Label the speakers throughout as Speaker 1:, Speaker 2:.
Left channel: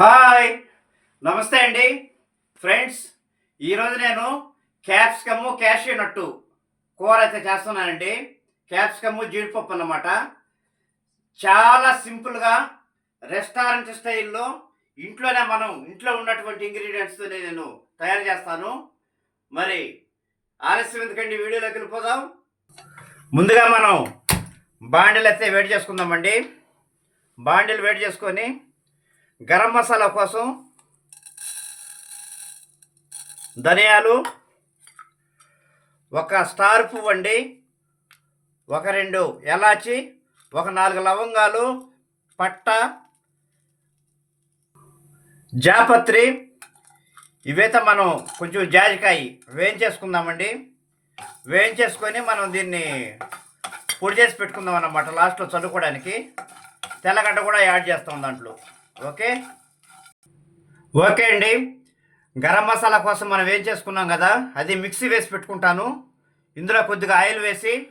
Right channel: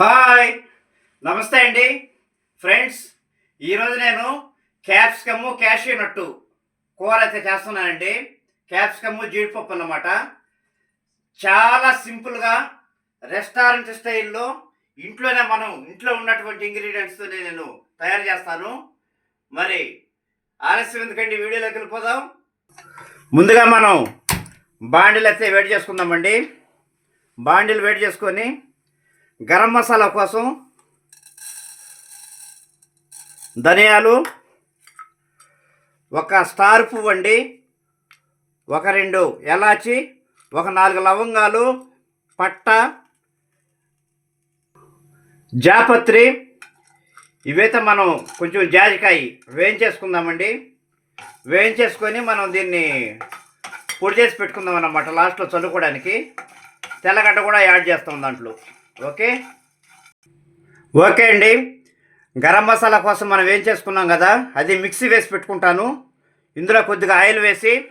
Speaker 1: Hi. నమస్తే అండి. Friends ఈరోజు నేను క్యాప్సికము క్యాషియూ నట్టు కూర అయితే చేస్తున్నానండి. క్యాప్సికము జీడిపప్పు అన్నమాట. చాలా సింపుల్గా రెస్టారెంట్ స్టైల్లో ఇంట్లోనే మనం ఇంట్లో ఉన్నటువంటి ఇంగ్రీడియంట్స్తో నేను తయారు చేస్తాను. మరి ఆలస్యం ఎందుకండి? వీడియోలోకి వెళ్ళిపోదాం. ముందుగా మనం బాండిల్ అయితే వేడి చేసుకుందామండి. బాండీలు వేడి చేసుకొని గరం మసాలా కోసం ధనియాలు ఒక స్టార్ పువ్వు అండి ఒక రెండు ఎలాచి ఒక నాలుగు లవంగాలు పట్ట జాపత్రి. ఇవైతే మనం కొంచెం జాజికాయ వేయించేసుకుందామండి. వేయించేసుకొని మనం దీన్ని పొడి చేసి పెట్టుకుందాం అన్నమాట లాస్ట్లో చల్లుకోవడానికి. తెల్లగడ్డ కూడా యాడ్ చేస్తాం దాంట్లో. ఓకే? ఓకే అండి. గరం మసాలా కోసం మనం ఏం చేసుకున్నాం కదా అది మిక్సీ వేసి పెట్టుకుంటాను. ఇందులో కొద్దిగా ఆయిల్ వేసి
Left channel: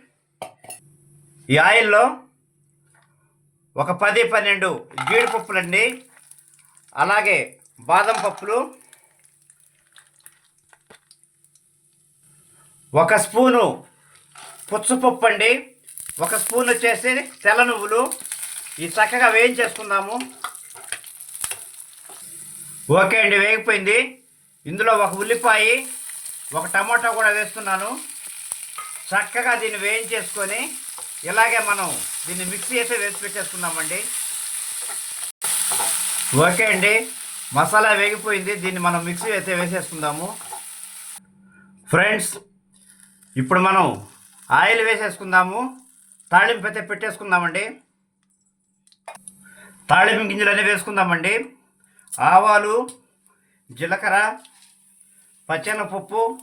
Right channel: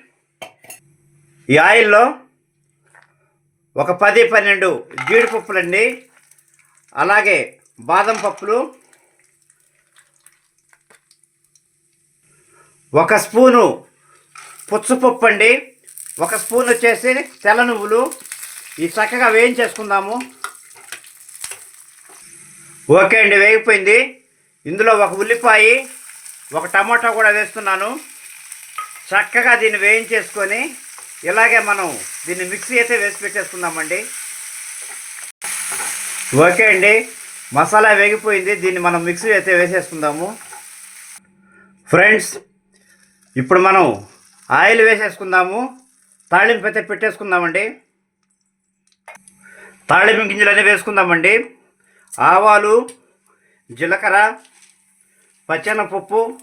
Speaker 1: ఈ ఆయిల్లో ఒక పది పన్నెండు జీడిపప్పులండి అలాగే బాదం పప్పులు ఒక స్పూను పుచ్చపప్పు అండి. ఒక స్పూన్ వచ్చేసి తెల్ల నువ్వులు. ఈ చక్కగా వేయించేసుకుందాము. ఓకే అండి వేగిపోయింది. ఇందులో ఒక ఉల్లిపాయ ఒక టమాటా కూడా వేస్తున్నాను. చక్కగా దీన్ని వేయించేసుకొని ఇలాగే మనం దీన్ని మిక్సీ అయితే వేసి పెట్టేసుకుందామండి. ఓకే అండి మసాలా వేగిపోయింది. దీన్ని మనం మిక్సీ అయితే వేసేసుకుందాము. ఫ్రెండ్స్ ఇప్పుడు మనం ఆయిల్ వేసేసుకుందాము. తాళింపు అయితే పెట్టేసుకుందామండి. తాళింపు అనేవి వేసుకుందామండి. ఆవాలు జీలకర్ర పచ్చెనపప్పు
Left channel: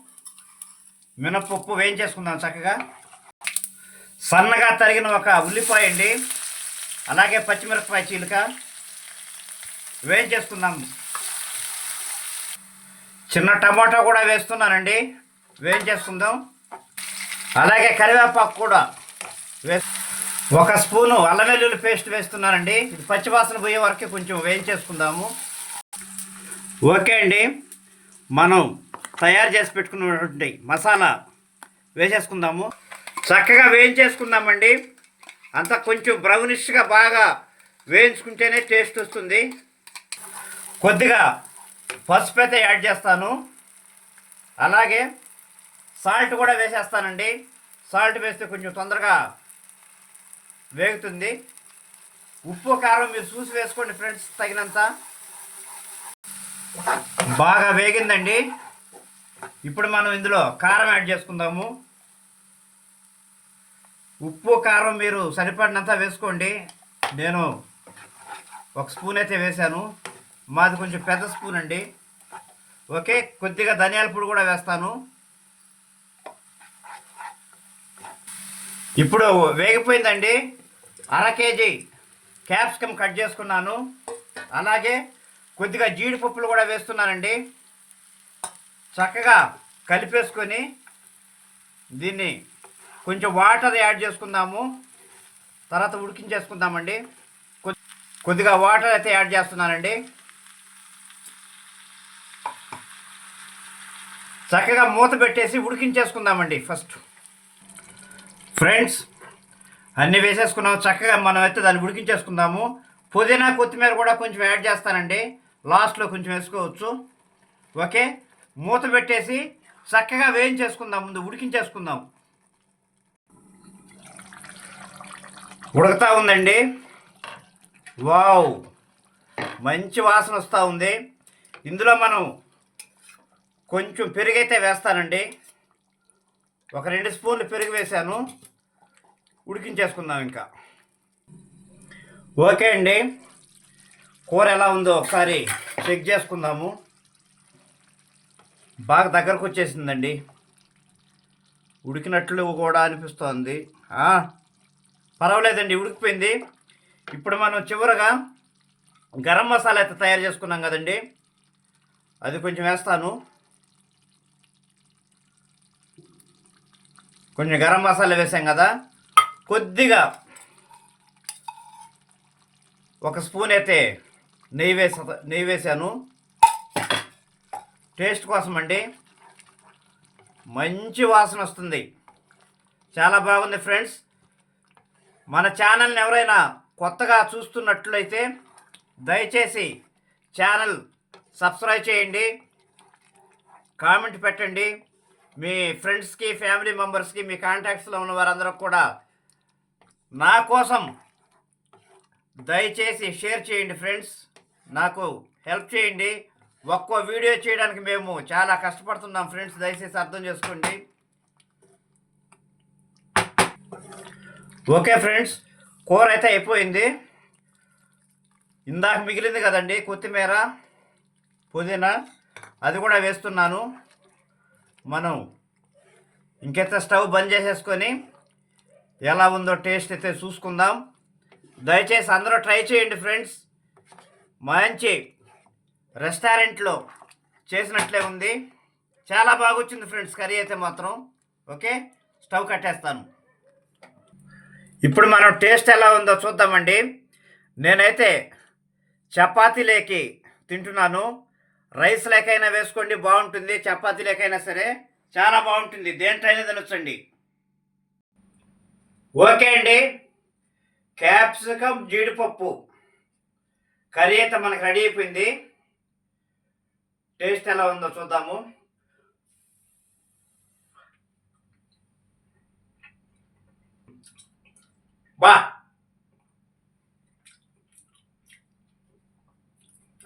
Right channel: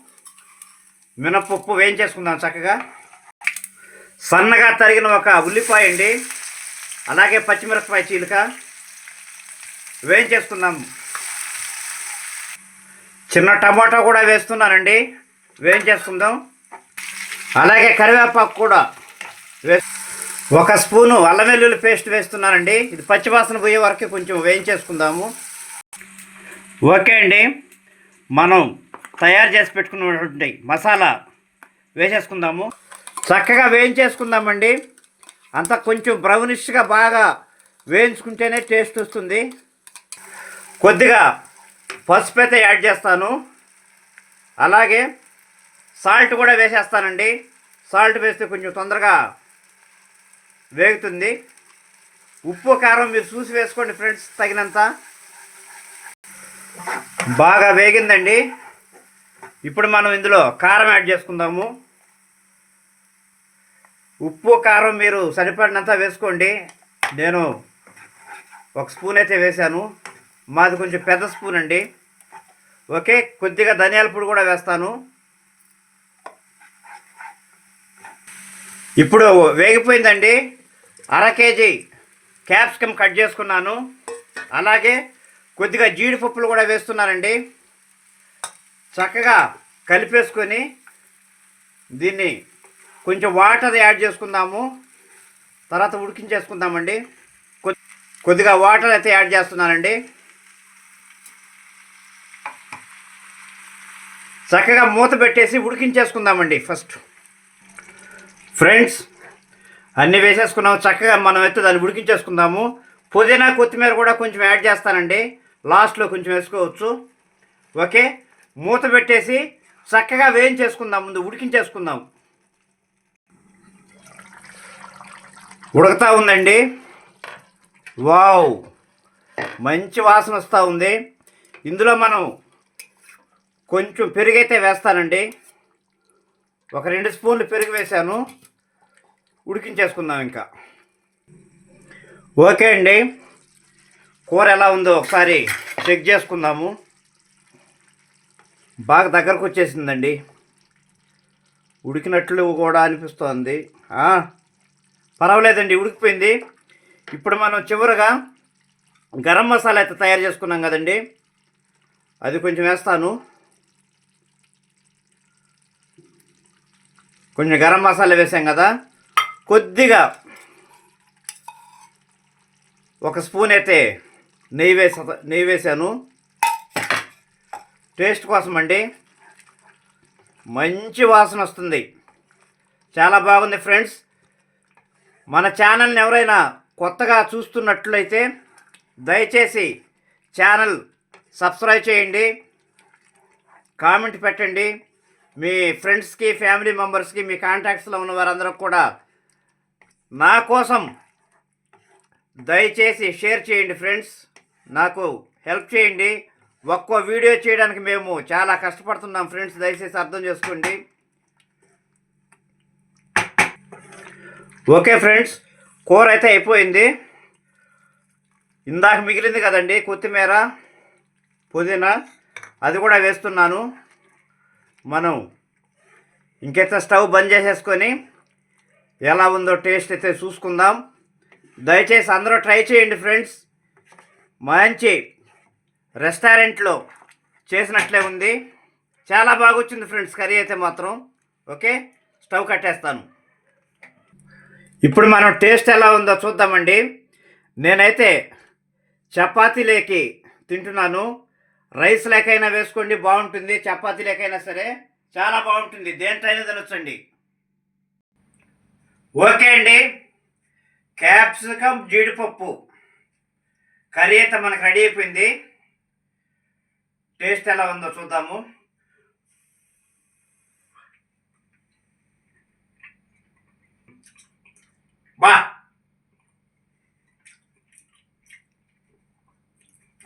Speaker 1: మినపప్పు వేయించేసుకుందాం చక్కగా. సన్నగా తరిగిన ఒక ఉల్లిపాయ అండి. అలాగే పచ్చిమిరపకాయ చీలిక వేయించేసుకుందాం. చిన్న టమాటా కూడా వేస్తున్నానండి. వేయించేసుకుందాం. అలాగే కరివేపాకు కూడా వే ఒక స్పూను అల్లం వెల్లుల్లి పేస్ట్ వేస్తున్నానండి. ఇది పచ్చివాసన పోయే వరకు కొంచెం వేయించేసుకుందాము. ఓకే అండి. మనం తయారు చేసి పెట్టుకున్నటువంటి మసాలా వేసేసుకుందాము. చక్కగా వేయించేసుకుందామండి. అంత కొంచెం బ్రౌనిష్గా బాగా వేయించుకుంటేనే టేస్ట్ వస్తుంది. కొద్దిగా పసుపు అయితే యాడ్ చేస్తాను. అలాగే సాల్ట్ కూడా వేసేస్తానండి. సాల్ట్ వేస్తే కొంచెం తొందరగా వేగుతుంది. ఉప్పు కారం మీరు చూసి వేసుకోండి ఫ్రెండ్స్ తగినంత. బాగా వేగిందండి. ఇప్పుడు మనం ఇందులో కారం యాడ్ చేసుకుందాము. ఉప్పు కారం మీరు సరిపడినంత వేసుకోండి. నేను ఒక స్పూన్ అయితే వేశాను. మాది కొంచెం పెద్ద స్పూన్ అండి. ఓకే కొద్దిగా ధనియాల పొడి కూడా వేస్తాను. ఇప్పుడు వేగిపోయిందండి. అర కేజీ క్యాప్సికమ్ కట్ చేసుకున్నాను. అలాగే కొద్దిగా జీడిపప్పులు కూడా వేస్తున్నానండి చక్కగా కలిపేసుకొని దీన్ని కొంచెం వాటర్ యాడ్ చేసుకుందాము. తర్వాత ఉడికించేసుకుందామండి. కొద్దిగా వాటర్ అయితే యాడ్ చేస్తున్నానండి. చక్కగా మూత పెట్టేసి ఉడికించేసుకుందామండి ఫస్ట్. ఫ్రెండ్స్ అన్నీ వేసేసుకున్నాము చక్కగా మనం అయితే దాన్ని ఉడికించేసుకుందాము. పుదీనా కొత్తిమీర కూడా కొంచెం యాడ్ చేస్తానండి. లాస్ట్లో కొంచెం వేసుకోవచ్చు. ఓకే? మూత పెట్టేసి చక్కగా వేయించేసుకుందాం. ముందు ఉడికించేసుకుందాం. ఉడుకుతూ ఉందండి. వావ్! మంచి వాసన వస్తూ ఉంది. ఇందులో మనం కొంచెం పెరుగైతే వేస్తానండి. ఒక రెండు స్పూన్లు పెరుగు వేశాను. ఉడికించేసుకుందాం ఇంకా. ఓకే అండి. కూర ఎలా ఉందో ఒకసారి చెక్ చేసుకుందాము. బాగా దగ్గరకు వచ్చేసిందండి. ఉడికినట్లు కూడా అనిపిస్తోంది. పర్వాలేదండి ఉడికిపోయింది. ఇప్పుడు మనం చివరగా గరం మసాలా అయితే తయారు చేసుకున్నాం కదండి. అది కొంచెం వేస్తాను. కొంచెం గరం మసాలా వేసాం కదా. కొద్దిగా ఒక స్పూన్ అయితే నెయ్యి వేసా నెయ్యి వేసాను. టేస్ట్ కోసం అండి. మంచి వాసన వస్తుంది. చాలా బాగుంది ఫ్రెండ్స్. మన ఛానల్ని ఎవరైనా కొత్తగా చూస్తున్నట్లయితే దయచేసి ఛానల్ సబ్స్క్రైబ్ చేయండి. కామెంట్ పెట్టండి. మీ ఫ్రెండ్స్కి ఫ్యామిలీ మెంబర్స్కి మీ కాంటాక్ట్స్లో ఉన్న వారందరూ కూడా నా కోసం దయచేసి షేర్ చేయండి ఫ్రెండ్స్. నాకు హెల్ప్ చేయండి. ఒక్కో వీడియో చేయడానికి మేము చాలా కష్టపడుతున్నాం ఫ్రెండ్స్ దయచేసి అర్థం చేసుకోండి. ఓకే ఫ్రెండ్స్ కూర అయితే అయిపోయింది. ఇందాక మిగిలింది కదండి కొత్తిమీర పుదీనా అది కూడా వేస్తున్నాను. మనం ఇంకైతే స్టవ్ బంద్ చేసేసుకొని ఎలా ఉందో టేస్ట్ అయితే చూసుకుందాం. దయచేసి అందరూ ట్రై చేయండి ఫ్రెండ్స్. మంచి రెస్టారెంట్లో చేసినట్లే ఉంది. చాలా బాగా వచ్చింది ఫ్రెండ్స్ కర్రీ అయితే మాత్రం. ఓకే? స్టవ్ కట్టేస్తాను. ఇప్పుడు మనం టేస్ట్ ఎలా ఉందో చూద్దామండి. నేనైతే చపాతీ లేకి తింటున్నాను. రైస్ లేకైనా వేసుకోండి బాగుంటుంది. చపాతీ లేకైనా సరే చాలా బాగుంటుంది. దేంట్లైనా తినొచ్చండి. ఓకే అండి. క్యాప్సికమ్ జీడిపప్పు. కర్రీ అయితే మనకు రెడీ అయిపోయింది. టేస్ట్ ఎలా ఉందో చూద్దాము. బా.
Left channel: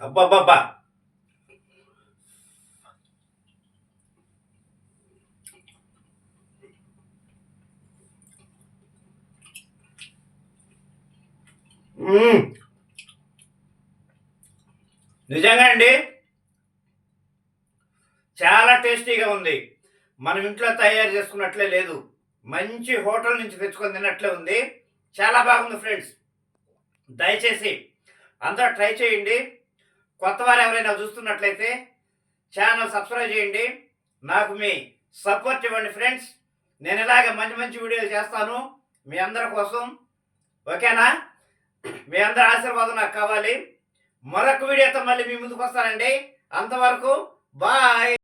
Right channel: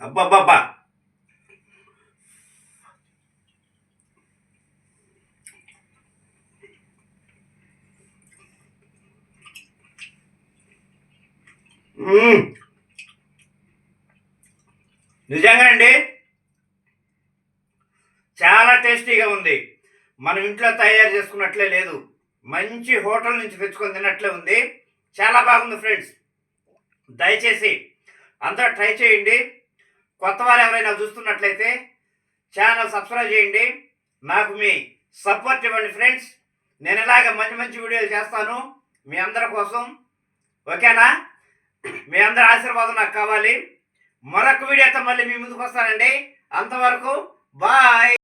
Speaker 1: అబ్బాబ్బాబ్బా. మ్మ్. నిజంగా అండి? చాలా టేస్టీగా ఉంది. మనం ఇంట్లో తయారు చేసుకున్నట్లే లేదు. మంచి హోటల్ నుంచి తెచ్చుకొని తిన్నట్లే ఉంది. చాలా బాగుంది ఫ్రెండ్స్. దయచేసి అందరూ ట్రై చేయండి. కొత్త వారు ఎవరైనా చూస్తున్నట్లయితే ఛానల్ సబ్స్క్రైబ్ చేయండి. నాకు మీ సపోర్ట్ ఇవ్వండి ఫ్రెండ్స్. నేను ఇలాగ మంచి మంచి వీడియోలు చేస్తాను మీ అందరి కోసం. ఓకేనా? మీ అందరి ఆశీర్వాదం నాకు కావాలి. మరొక వీడియోతో మళ్ళీ మీ ముందుకు వస్తానండి. అంతవరకు బాయ్.